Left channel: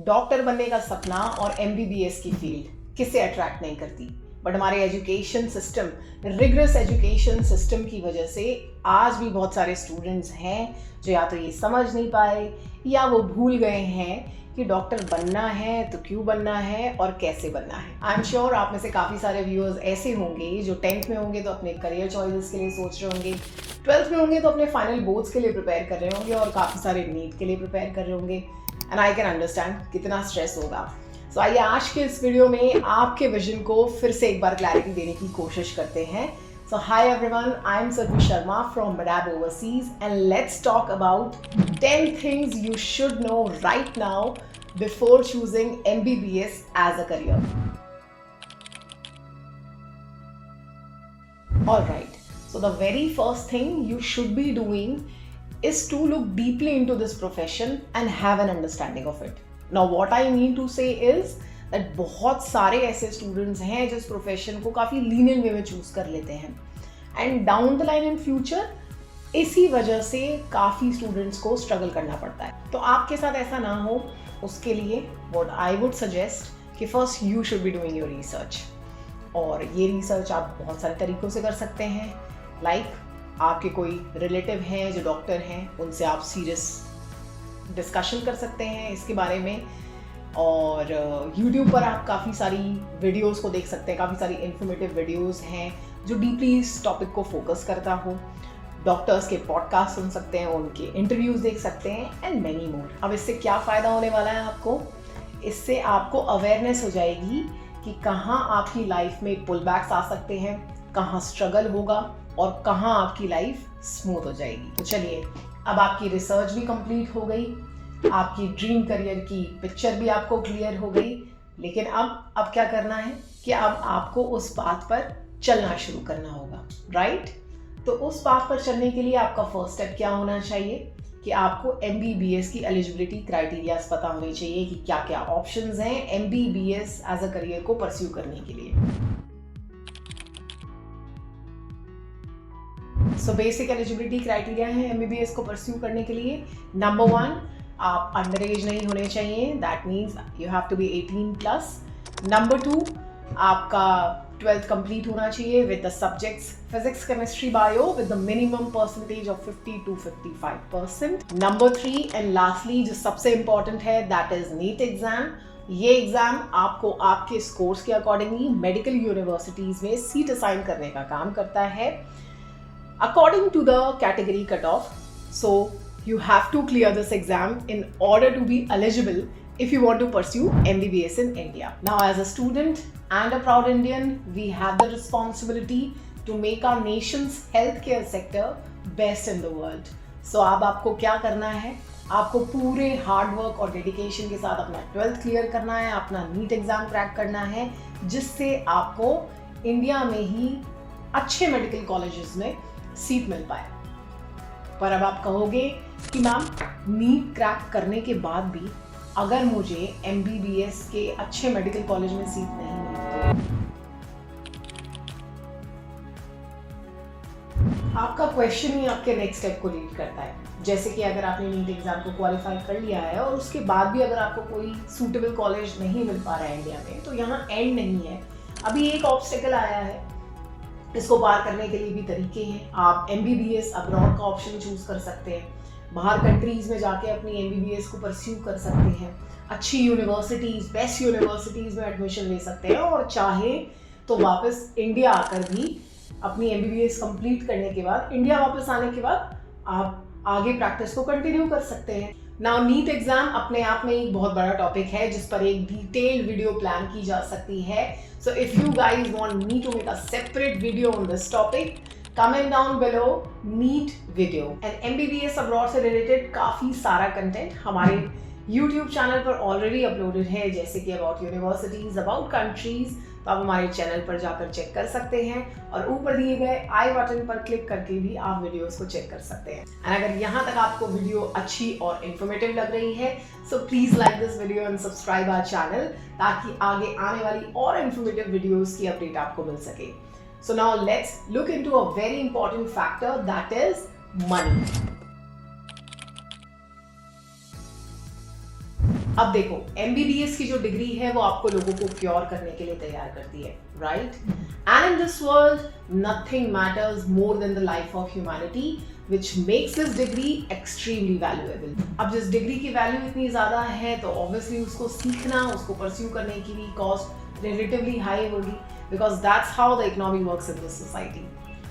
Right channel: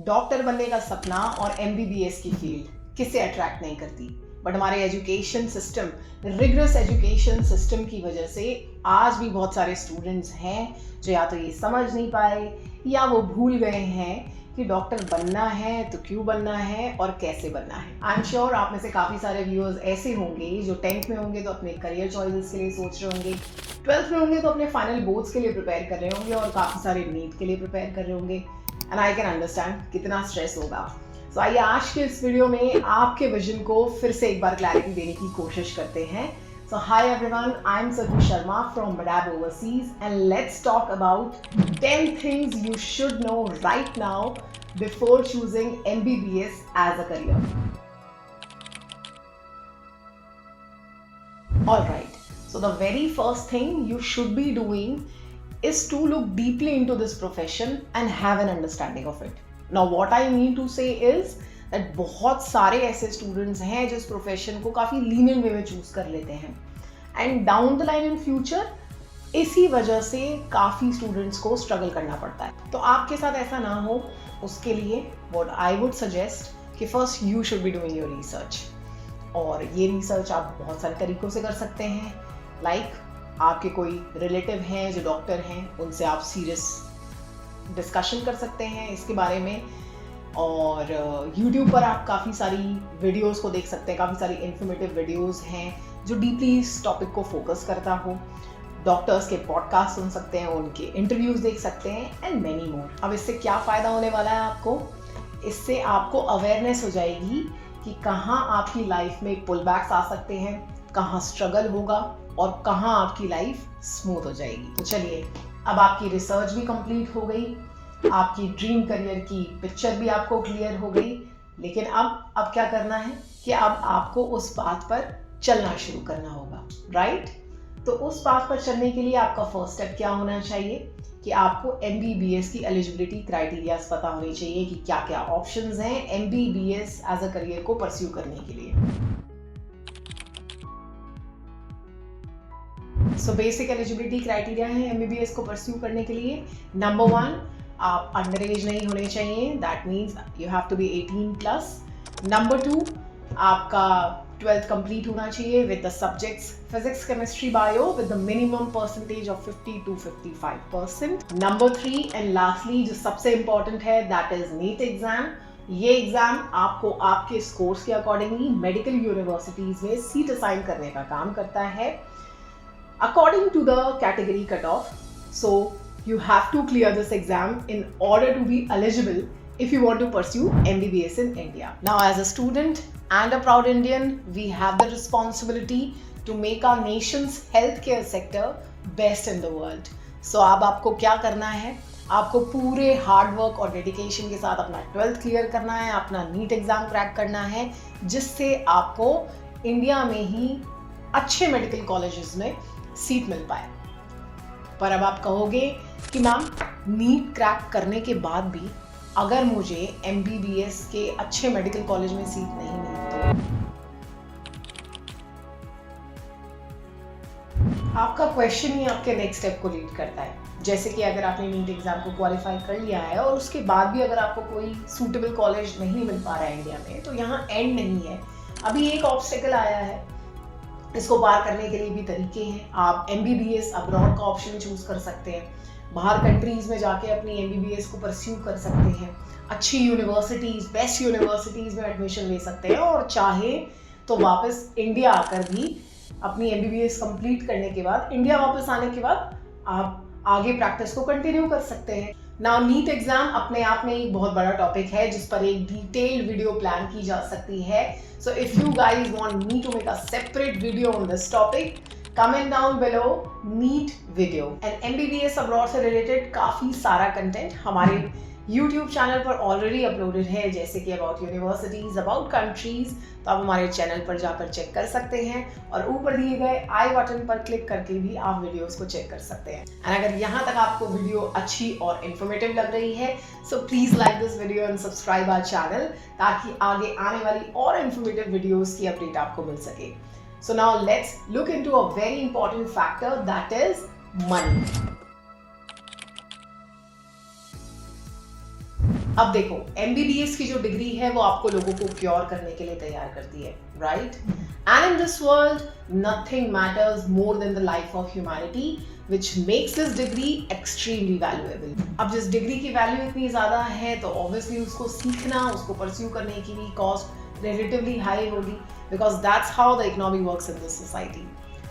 Doctor बनने का सपना और एमबीबीएस की फील्ड किसे अट्रैक्ट नहीं करती, बट हमारे education system, rigorous education system की वजह से आज भी बहुत सारे स्टूडेंट्स हैं जो या तो ये समझ नहीं पाए या वो भूल गए हैं कि डॉक्टर बनना है तो क्यों बनना है और कैसे बनना है। आई एम श्योर आप में से काफ़ी सारे व्यूअर्स ऐसे होंगे जो 10th में होंगे तो अपने करियर चॉइसेस के लिए सोच रहे होंगे, 12th में होंगे तो अपने फाइनल बोर्ड्स के लिए प्रिपेयर कर रहे होंगे और काफ़ी सारे नीट के लिए प्रिपेयर कर रहे होंगे। एंड आई कैन अंडरस्टैंड कितना स्ट्रेस होगा। सो आइए आज के इस वीडियो में आपके विजन को फिर से एक बार क्लैरिटी देने की कोशिश करते हैं। So hi everyone, I'm Sarvi Sharma from Madab Overseas and let's talk about 10 things you should know right now before choosing MBBS as a career. Alright, so the very first thing you should be doing is to look deeply into this profession and have an understanding of it. Now what I mean to say is that बहुत सारे ऐसे students हैं जो इस profession को काफ़ी lenient वे में choose कर लेते हैं and down the line in future इसी वजह से काफ़ी स्टूडेंट्स को स्ट्रगल करना पड़ता है। तो आपके साथ ऐसा ना हो उसके लिए व्हाट आई वुड सजेस्ट कि first you should be doing your research. और ये रिसर्च आप बहुत सारे तरीक़ों से कर सकते हैं। लाइक आपके कोई रिलेटिव हैं जो डॉक्टर हैं, उनसे आप सीरियस डिस्कशन कर सकते हैं इसके बारे में। और YouTube पर आप काफ़ी सारी वीडियोस को देख सकते हैं, काफ़ी सारी इन्फॉर्मेटिव वीडियोस हैं जो डीपली इस टॉपिक को फोकस करता हो। डॉक्टर्स के पॉडकास्ट सुन सकते हैं, उनके इंटरव्यूज़ देख सकते हैं एंड मैनी मोर। अब इससे क्या फ़ायदा होने वाला है आपको? इससे आपको अवेयरनेस हो जाएगी कि कहाँ आपकी लाइफ में पुल बैक्स आ सकते हैं, कहाँ स्ट्रगल होगा और कहाँ आपकी लाइफ स्मूथ हो जाएगी। तो चलिए, अब आपकी रिसर्च भी कंप्लीट हो गई, आपकी ड्रीम करियर की पिक्चर भी आपको क्लियर हो गई, लेकिन अब क्या करना है कि अब आपको उस बात पर चलना शुरू करना होगा, राइट? तो उस बात पर चलने के लिए आपका फर्स्ट स्टेप क्या होना चाहिए कि आपको एमबीबीएस की एलिजिबिलिटी क्राइटेरियाज पता होने चाहिए कि क्या क्या ऑप्शंस हैं एमबीबीएस एज अ करियर को परस्यू करने के लिए। सो बेसिक एलिजिबिलिटी क्राइटेरिया है एमबीबीएस को परस्यू करने के लिए। नंबर 1, आप अंडर एज नहीं होने चाहिए, that means you have to be 18+। Number 2, आपका 12th कंप्लीट होना चाहिए with the subjects physics, chemistry, bio with the minimum percentage of 50 to 55%। Number 3 and lastly जो सबसे इंपॉर्टेंट है, दैट इज नीट एग्जाम। ये एग्जाम आपको आपके स्कोर्स के अकॉर्डिंगली मेडिकल यूनिवर्सिटीज में सीट असाइन करने का काम करता है according to the category cutoff. So you have to clear this exam in order to be eligible if you want to pursue MBBS in India. Now as a student and a proud Indian, we have the responsibility to make our nation's healthcare sector best in the world. So अब आपको क्या करना है? आपको पूरे hard work और dedication के साथ अपना 12th क्लियर करना है, अपना नीट एग्जाम क्रैक करना है, जिससे आपको इंडिया में ही अच्छे मेडिकल कॉलेजेस में सीट मिल पाए। पर अब आप कहोगे कि मैम नीट क्रैक करने के बाद भी अगर मुझे एमबीबीएस के अच्छे मेडिकल कॉलेज में सीट नहीं मिली तो आपका क्वेश्चन ही आपके नेक्स्ट स्टेप को लीड करता है। जैसे कि अगर आपने नीट एग्जाम को क्वालिफाई कर लिया है और उसके बाद भी अगर आपको कोई सूटेबल कॉलेज नहीं मिल पा रहा है इंडिया में, तो यहाँ एंड नहीं है, अभी एक ऑब्स्टेकल आया है। इसको पार करने के लिए भी तरीके हैं। आप एमबीबीएस अब्रॉड का ऑप्शन चूज कर सकते हैं, बाहर कंट्रीज में जाके अपनी एमबीबीएस को परस्यू कर सकते हैं, अच्छी यूनिवर्सिटीज, बेस्ट यूनिवर्सिटीज में एडमिशन ले सकते हैं और चाहे तो वापस इंडिया आकर भी अपनी एमबीबीएस कंप्लीट करने के बाद, इंडिया वापस आने के बाद आप आगे प्रैक्टिस को कंटिन्यू कर सकते हैं। नाउ नीट एग्जाम अपने आप में एक बहुत बड़ा टॉपिक है जिस पर एक डिटेल्ड वीडियो प्लान की जा सकती है। So if you guys want me to make a separate video on this topic, comment down below, NEET video। and MBBS abroad से related काफ़ी सारा कंटेंट हमारे YouTube चैनल पर ऑलरेडी अपलोडेड है, जैसे कि अबाउट यूनिवर्सिटीज, अबाउट कंट्रीज। तो आप हमारे चैनल पर जाकर चेक कर सकते हैं और ऊपर दिए गए आई बटन पर क्लिक करके भी आप वीडियोस को चेक कर सकते हैं। एंड अगर यहाँ तक आपको वीडियो अच्छी और इन्फॉर्मेटिव लग रही है, so please like this video and subscribe our channel, ताकि आगे आने वाली और इन्फॉर्मेटिव वीडियोस की अपडेट आपको मिल सके। So now let's look into a very important factor, that is money. अब देखो, MBBS की जो डिग्री है वो आपको लोगों को क्योर करने के लिए तैयार करती है, right? And in this world nothing matters more than the life of humanity, which makes this degree extremely valuable. अब जिस डिग्री की वैल्यू इतनी ज़्यादा है तो ऑब्वियसली उसको सीखना, उसको परस्यू करने की भी कॉस्ट रिलेटिवली हाई होगी, because that's how the economy works in this society,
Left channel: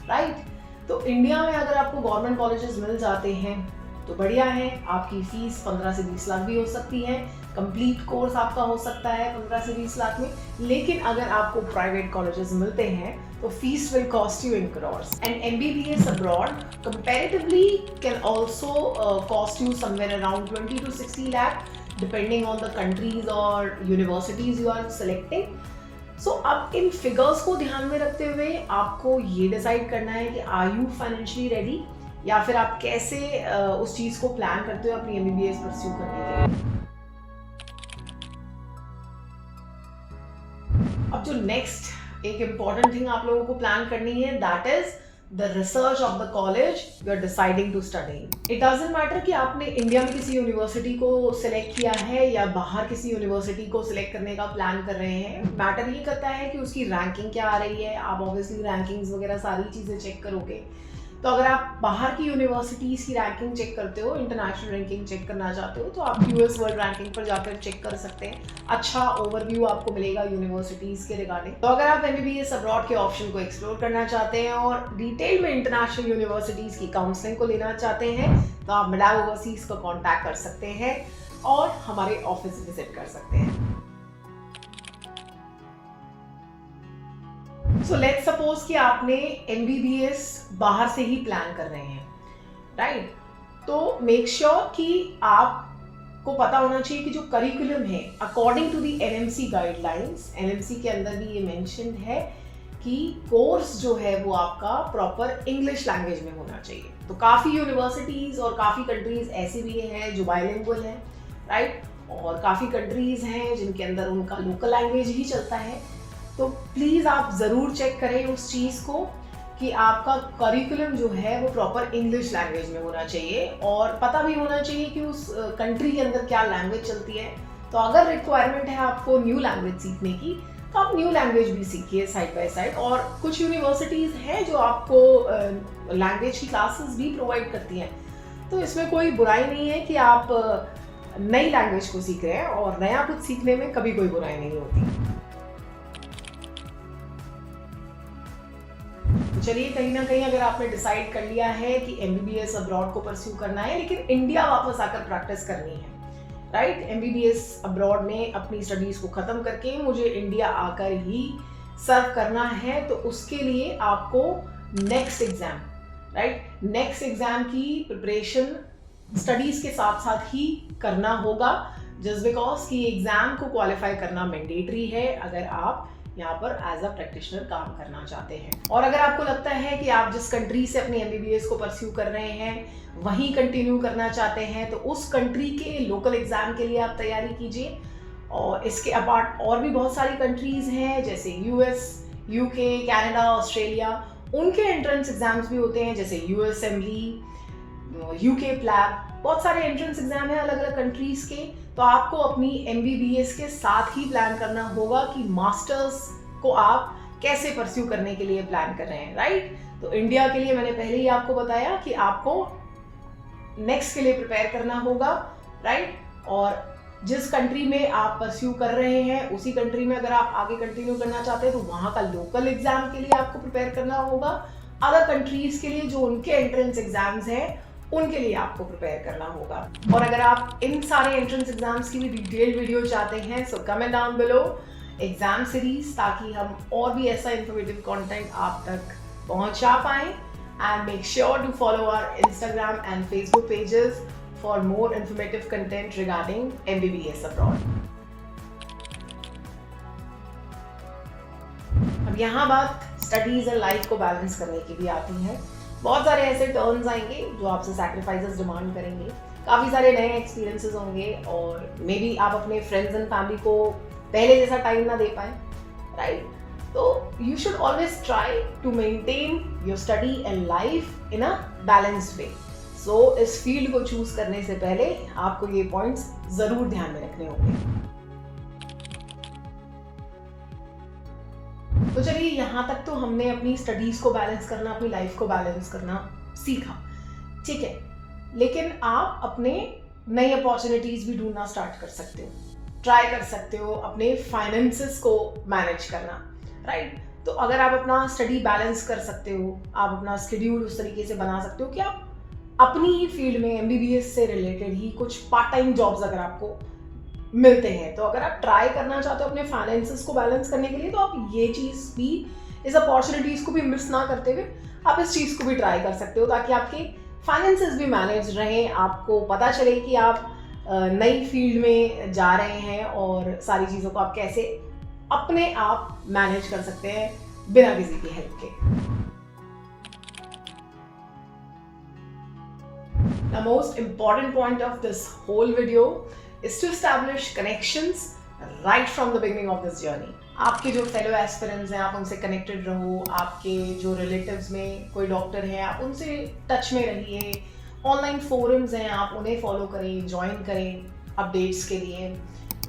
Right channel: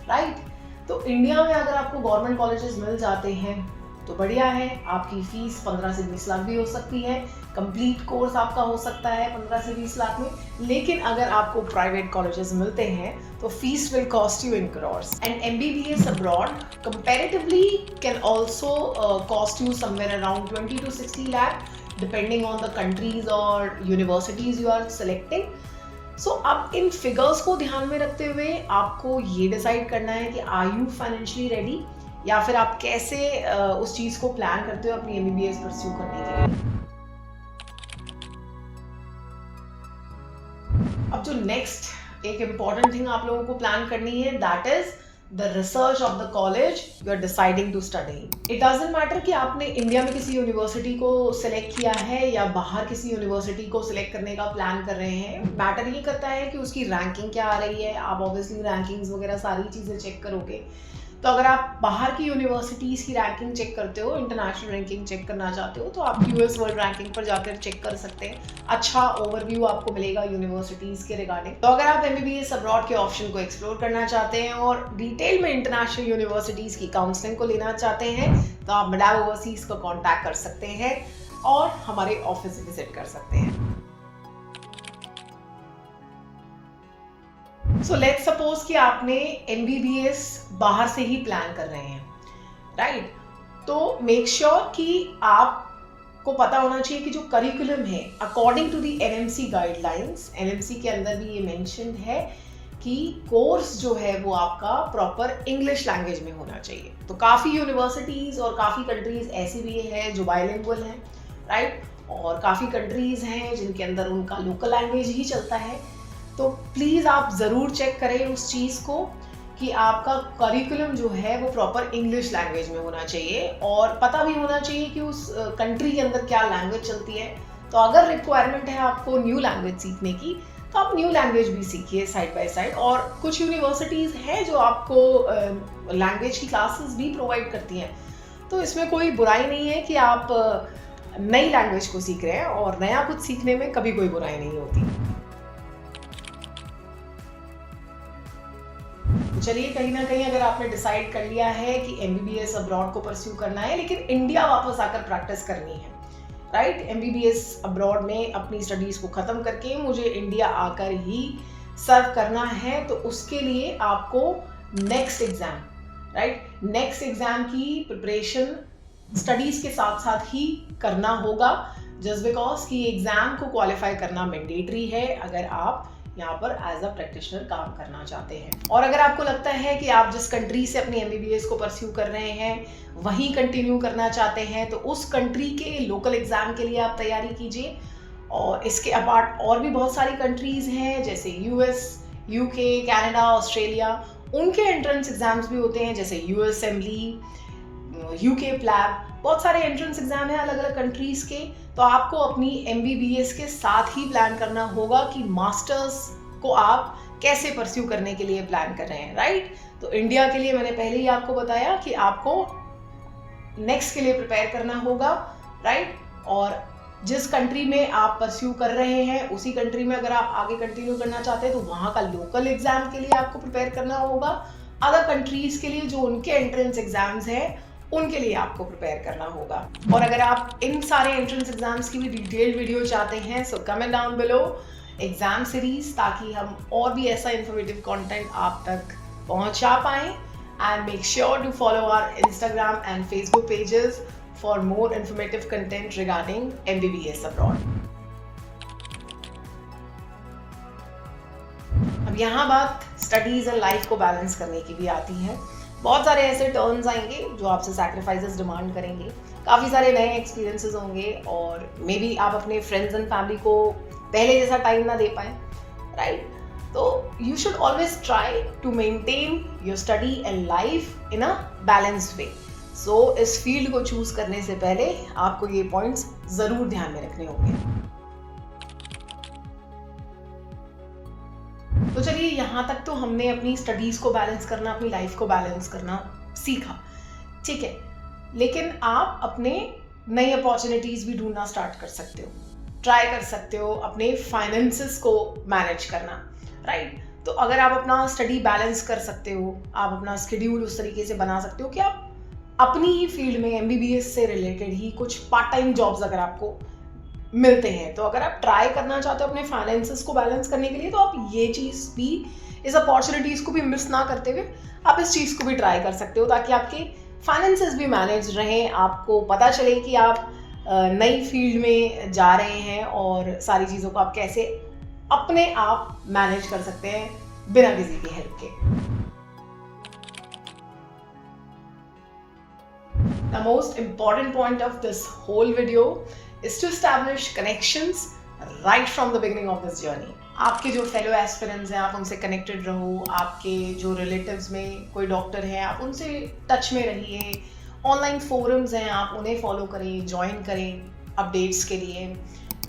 right? तो इंडिया में अगर आपको गवर्नमेंट कॉलेजेस मिल जाते हैं तो बढ़िया है, आपकी फीस 15 से 20 लाख भी हो सकती है, कंप्लीट कोर्स आपका हो सकता है 15 से 20 लाख में। लेकिन अगर आपको प्राइवेट कॉलेजेस मिलते हैं तो fees will cost you in crores, and MBBS abroad comparatively can also cost you somewhere around 20 to 60 lakh depending on the countries or universities you are selecting. सो अब इन फिगर्स को ध्यान में रखते हुए आपको ये डिसाइड करना है कि आर यू फाइनेंशियली रेडी, या फिर आप कैसे उस चीज को प्लान करते हो अपनी MBBS परस्यू करने के लिए। अब जो नेक्स्ट एक इम्पॉर्टेंट थिंग आप लोगों को प्लान करनी है, that is the research of the college you are deciding to study. It doesn't matter कि आपने इंडिया में किसी यूनिवर्सिटी को सिलेक्ट किया है या बाहर किसी यूनिवर्सिटी को सिलेक्ट करने का प्लान कर रहे हैं। मैटर ये करता है कि उसकी रैंकिंग क्या आ रही है। आप ऑब्वियसली रैंकिंग्स वगैरह सारी चीज़ें चेक करोगे। तो अगर आप बाहर की यूनिवर्सिटीज़ की रैंकिंग चेक करते हो, इंटरनेशनल रैंकिंग चेक करना चाहते हो, तो आप US वर्ल्ड रैंकिंग पर जाकर चेक कर सकते हैं। अच्छा ओवरव्यू आपको मिलेगा यूनिवर्सिटीज़ के रिगार्डिंग। तो अगर आप MBBS अब्रॉड के ऑप्शन को एक्सप्लोर करना चाहते हैं और डिटेल में इंटरनेशनल यूनिवर्सिटीज़ की काउंसलिंग को लेना चाहते हैं, तो आप MEDAV ओवरसीज को कॉन्टैक्ट कर सकते हैं और हमारे ऑफिस विजिट कर सकते हैं। सो लेट्स सपोज कि आपने MBBS बाहर से ही प्लान कर रहे हैं, राइट? तो मेक श्योर कि आपको पता होना चाहिए कि जो करिकुलम है according to the NMC guidelines, NMC के अंदर भी ये मेंशन्ड है कि कोर्स जो है वो आपका प्रॉपर इंग्लिश लैंग्वेज में होना चाहिए। तो काफ़ी यूनिवर्सिटीज़ और काफ़ी कंट्रीज़ ऐसी भी हैं जो बाइलिंगुअल हैं, राइट? और काफ़ी कंट्रीज़ हैं जिनके अंदर उनका लोकल लैंग्वेज ही चलता है। तो प्लीज़ आप ज़रूर चेक करें उस चीज़ को कि आपका करिकुलम जो है वो प्रॉपर इंग्लिश लैंग्वेज में होना चाहिए, और पता भी होना चाहिए कि उस कंट्री के अंदर क्या लैंग्वेज चलती है। तो अगर रिक्वायरमेंट है आपको न्यू लैंग्वेज सीखने की, तो आप न्यू लैंग्वेज भी सीखिए साइड बाय साइड। और कुछ यूनिवर्सिटीज़ हैं जो आपको लैंग्वेज की क्लासेस भी प्रोवाइड करती हैं। तो इसमें कोई बुराई नहीं है कि आप नई लैंग्वेज को सीख रहे हैं, और नया कुछ सीखने में कभी कोई बुराई नहीं होती। चलिए, कहीं ना कहीं अगर आपने डिसाइड कर लिया है कि MBBS अब्रॉड को परस्यू करना है लेकिन इंडिया वापस आकर प्रैक्टिस करनी है, राइट? MBBS अब्रॉड में अपनी स्टडीज को खत्म करके मुझे इंडिया आकर ही सर्व करना है, तो उसके लिए आपको next exam, right, next exam की प्रिपरेशन स्टडीज के साथ साथ ही करना होगा, जस्ट बिकॉज कि एग्जाम को क्वालिफाई करना मैंडेटरी है अगर आप यहाँ पर एज अ प्रैक्टिशनर काम करना चाहते हैं। और अगर आपको लगता है कि आप जिस कंट्री से अपनी MBBS को परस्यू कर रहे हैं वहीं कंटिन्यू करना चाहते हैं, तो उस कंट्री के लोकल एग्जाम के लिए आप तैयारी कीजिए। और इसके अपार्ट और भी बहुत सारी कंट्रीज़ हैं जैसे US, UK, कनाडा, ऑस्ट्रेलिया, उनके एंट्रेंस एग्जाम्स भी होते हैं जैसे US असेंबली, UK प्लैब, बहुत सारे एंट्रेंस एग्जाम हैं अलग अलग कंट्रीज़ के। तो आपको अपनी MBBS के साथ ही प्लान करना होगा कि मास्टर्स को आप कैसे परस्यू करने के लिए प्लान कर रहे हैं, राइट? तो इंडिया के लिए मैंने पहले ही आपको बताया कि आपको नेक्स्ट के लिए प्रिपेयर करना होगा, राइट? और जिस कंट्री में आप परस्यू कर रहे हैं उसी कंट्री में अगर आप आगे कंटिन्यू करना चाहते हैं तो वहाँ का लोकल एग्जाम के लिए आपको प्रिपेयर करना होगा। अदर कंट्रीज़ के लिए जो उनके एंट्रेंस एग्जाम्स हैं उनके लिए आपको प्रिपेयर करना होगा। और अगर आप इन सारे एंट्रेंस एग्जाम्स की भी डिटेल्ड वीडियो चाहते हैं, so comment down below exam series, ताकि हम और भी ऐसा इंफॉर्मेटिव कंटेंट आप तक पहुंचा पाएं। And make sure to follow our Instagram and Facebook pages for more informative content regarding MBBS abroad. अब यहाँ बात स्टडीज एंड लाइफ को बैलेंस करने की भी आती है। बहुत सारे ऐसे टर्न्स आएंगे जो आपसे सैक्रिफाइसेस डिमांड करेंगे, काफ़ी सारे नए एक्सपीरियंसेस होंगे, और मे बी आप अपने फ्रेंड्स एंड फैमिली को पहले जैसा टाइम ना दे पाए, राइट? तो you should always try to maintain your study and life in a balanced way. So इस फील्ड को चूज करने से पहले आपको ये पॉइंट्स जरूर ध्यान में रखने होंगे। तो चलिए, यहाँ तक तो हमने अपनी स्टडीज को बैलेंस करना, अपनी लाइफ को बैलेंस करना सीखा, ठीक है। लेकिन आप अपने नई अपॉर्चुनिटीज भी ढूंढना स्टार्ट कर सकते हो, ट्राई कर सकते हो अपने फाइनेंसेस को मैनेज करना, राइट। तो अगर आप अपना स्टडी बैलेंस कर सकते हो, आप अपना शेड्यूल उस तरीके से बना सकते हो कि आप अपनी ही फील्ड में एमबीबीएस से रिलेटेड ही कुछ पार्ट टाइम जॉब्स अगर आपको मिलते हैं, तो अगर आप ट्राई करना चाहते हो अपने फाइनेंसेस को बैलेंस करने के लिए, तो आप ये चीज़ भी, इस अपॉर्चुनिटीज़ को भी मिस ना करते हुए आप इस चीज़ को भी ट्राई कर सकते हो, ताकि आपके फाइनेंसेस भी मैनेज रहें, आपको पता चले कि आप नई फील्ड में जा रहे हैं और सारी चीज़ों को आप कैसे अपने आप मैनेज कर सकते हैं बिना किसी की हेल्प के। The most important point of this whole video is to establish connections right from the beginning of this journey. आपके जो फेलो एस्पिरेंट्स हैं, आप उनसे कनेक्टेड रहो, आपके जो रिलेटिव्स में कोई डॉक्टर है, आप उनसे टच में रहिए, ऑनलाइन फोरम्स हैं, आप उन्हें फॉलो करें, ज्वाइन करें अपडेट्स के लिए,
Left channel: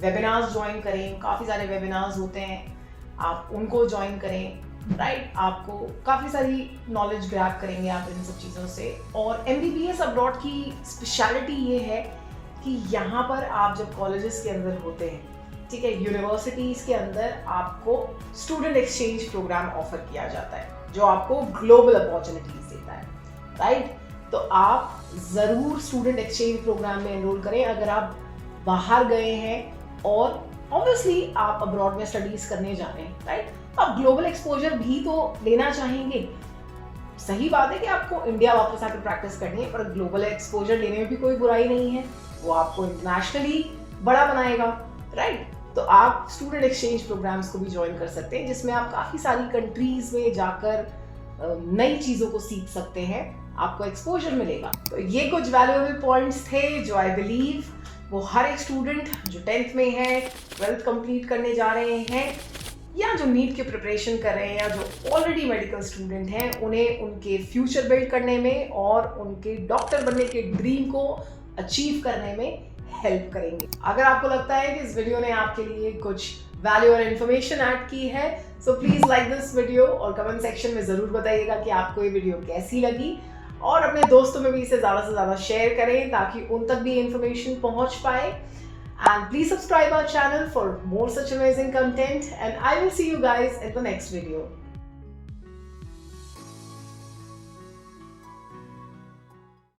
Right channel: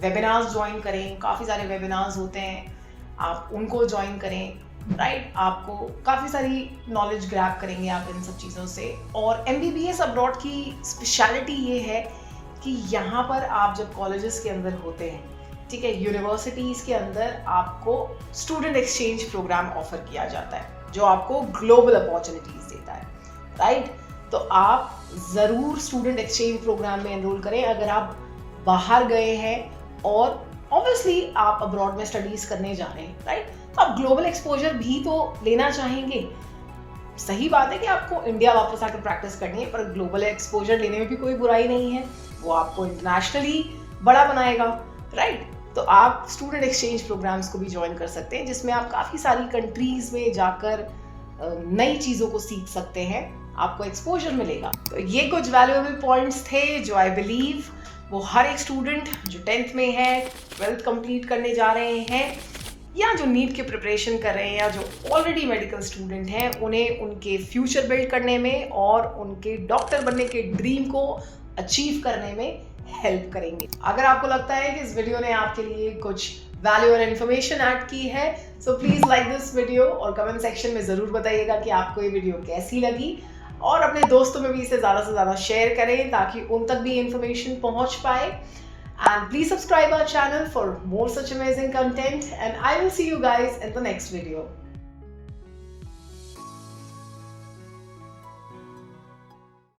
वेबिनार्स ज्वाइन करें, काफ़ी सारे वेबिनार्स होते हैं, आप उनको ज्वाइन करें, राइट। आपको काफ़ी सारी नॉलेज ग्रैब करेंगे आप इन सब चीज़ों से। और एमबीबीएस अब्रॉड की स्पेशलिटी ये है कि यहाँ पर आप जब कॉलेजेस के अंदर होते हैं, ठीक है, यूनिवर्सिटीज़ के अंदर आपको स्टूडेंट एक्सचेंज प्रोग्राम ऑफर किया जाता है, जो आपको ग्लोबल अपॉर्चुनिटीज़ देता है, राइट। तो आप ज़रूर स्टूडेंट एक्सचेंज प्रोग्राम में एनरोल करें अगर आप बाहर गए हैं और ऑब्वियसली आप अब्रॉड में स्टडीज़ करने जा रहे हैं, राइट। तो आप ग्लोबल एक्सपोजर भी तो लेना चाहेंगे। सही बात है कि आपको इंडिया वापस आकर प्रैक्टिस करनी है, पर ग्लोबल एक्सपोजर लेने में भी कोई बुराई नहीं है, वो आपको इंटरनेशनली बड़ा बनाएगा, राइट। तो आप स्टूडेंट एक्सचेंज प्रोग्राम्स को भी ज्वाइन कर सकते हैं, जिसमें आप काफ़ी सारी कंट्रीज में जाकर नई चीज़ों को सीख सकते हैं, आपको एक्सपोजर मिलेगा। तो ये कुछ वैल्यूएबल पॉइंट्स थे जो आई बिलीव वो हर एक स्टूडेंट जो 10th में है, 12th कंप्लीट करने जा रहे हैं, या जो नीट की प्रिपरेशन कर रहे हैं, या जो ऑलरेडी मेडिकल स्टूडेंट हैं, उन्हें उनके फ्यूचर बिल्ड करने में और उनके डॉक्टर बनने के ड्रीम को अचीव करने में हेल्प करेंगे। अगर आपको लगता है कि इस वीडियो ने आपके लिए कुछ वैल्यू और इन्फॉर्मेशन ऐड की है, so please like this video और कमेंट सेक्शन में ज़रूर बताइएगा कि आपको ये वीडियो कैसी लगी, और अपने दोस्तों में भी इसे ज़्यादा से ज़्यादा शेयर करें ताकि उन तक भी इन्फॉर्मेशन पहुँच पाए। And please subscribe our channel for more such amazing content, and I will see you guys in the next video.